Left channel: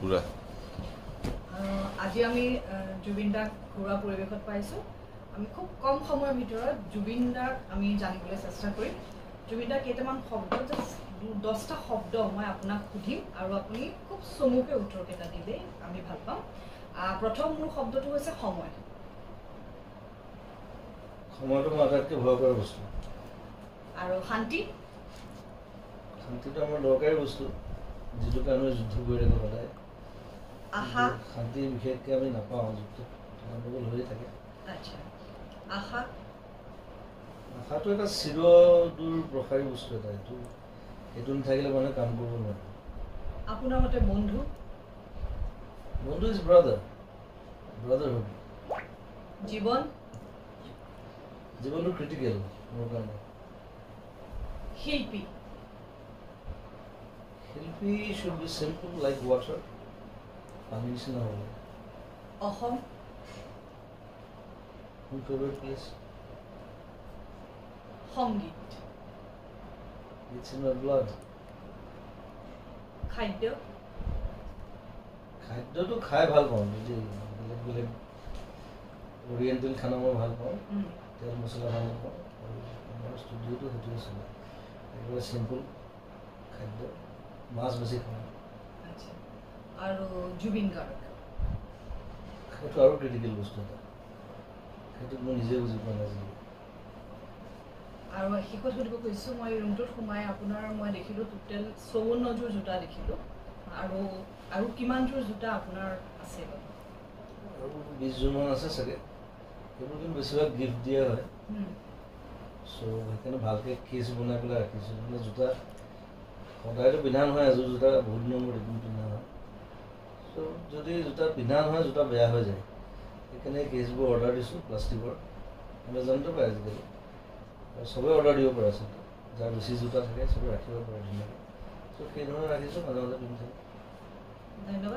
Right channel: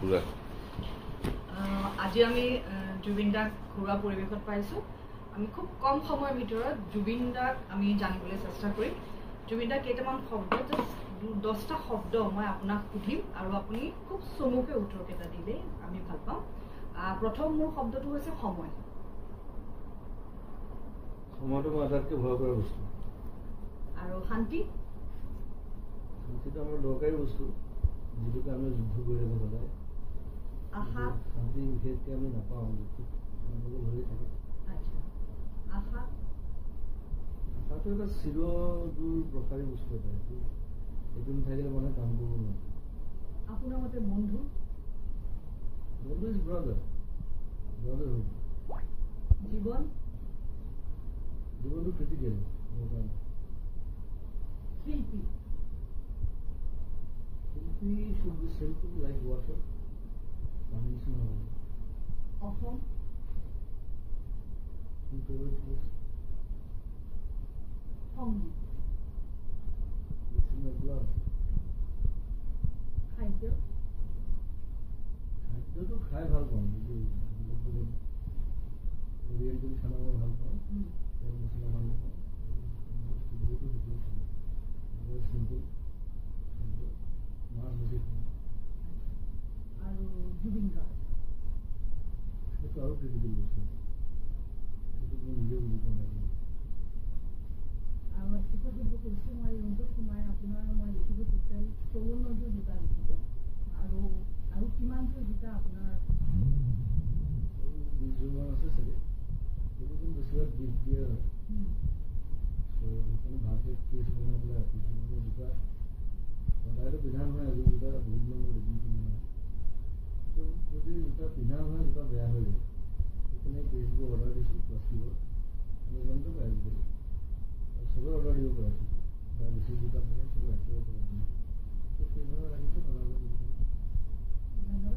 পুৰা আজি আমি জুবিন দাক ঘৰুৱা পৰিৱেশত পাইছোঁ। আমি খুব কম সময়ৰ ভিতৰত জুবিন দাক আমি জানিবলৈ চেষ্টা কৰিম। জুবিন দাৰ কেইটামান শব্দ, জাষ্ট 10টা শব্দ মই আপোনাক সুধিম আৰু আপুনি খুব চমুকৈ উত্তৰকেইটা দিলেই আমি ভাল পাম। প্ৰথম মোৰ শব্দটো হৈছে সময়। সময়টো মোৰ আটাইতকৈ ভয় কৰা বস্তু। আৰু শান্তি। শান্তিটো আমাৰ দৰকাৰী বস্তু, যিটো কাৰণে যুদ্ধ কৰি থাকোঁ সদায়। আশা। শান্তি বিশেষকৈ আমি নাপাওঁ, যুদ্ধ গণ্ডগোল হৈ থাকে। আচ্ছা, আশা। আশাটো এটা চিৰদূৰ প্ৰসাৰী বস্তু এটা, সেইটো নাথাকিলে মানুহে কাম কৰিব নোৱাৰে। আপোনাৰ মতে বন্ধু? বন্ধু ইজ ব্ৰাদাৰ, ব্ৰাদাৰহুড। জীৱন? জীৱনটো ক্ৰিটিকেল মোৰ কাৰণে। শিল্পী? শিল্পী should be simple like water, পানীৰ নিচিনা হ'ব। অসম? মোৰ ফেভৰেট প্লেচ। সংগীত? It's in my blood. খাদ্য? খাদ্যটো খাই ভাল পাওঁ, বেলেগ বেলেগ অৰিয়েণ্টেল খানা মই ভাল পাওঁ, তেল মছলা ভাল পাওঁ, আৰু আমাৰ ষ্টুডিঅ'টো সেইটোৱে চলে, একেবাৰে চিম্পুল খাদ্য, মাছ বেছি খাওঁ। আচ্ছা, আৰু জুবিন গাৰ্গ? সেইটো আৰু ক্ৰিটিকেল বস্তু এটা, সেইটোত মই নিজে বুজি পোৱা নাই। আৰু শেষত সুধিব খুজিছোঁ, মই ৰুমটোত সোমাই আপোনাৰ মই দেখিলোঁ টোটেল 54যোৰ জোতা দেখিলোঁ, আৰু কিমানযোৰ জোতা আপোনাৰ আছে? আৰু 20যোৰমান আছে চাগে, সেইবোৰ কিন্তু বেছিভাগ গিফ্ট দিয়া হয়। চ' সেইকাৰণে ভালকৈ কেছ বনাই পেলাই ৰাখিছোঁ, মানে জোতা সদায়তো পিন্ধা নহয়, এযোৰ জোতা বহুত দিনৰ মূৰত এদিন পিন্ধা হয়। চ' যদি জোতা পিন্ধা নহয়, জোতা বেয়া হৈ যায়, সেইকাৰণে কেছবোৰ অৰ্ডাৰ দিছোঁ প্লাষ্টিকৰ, এমেজনতে পায় আজিকালি, আৰু চবেই অৰ্ডাৰ দিব পাৰে আচলতে, যাৰ বেছি জোতা থাকে চবেই ৰাখিব পাৰে ধুনীয়াকৈ। চ' সেইধৰণে ৰাখিছোঁ, মাজে মাজে পিন্ধি থাকোঁ। ধন্যবাদ।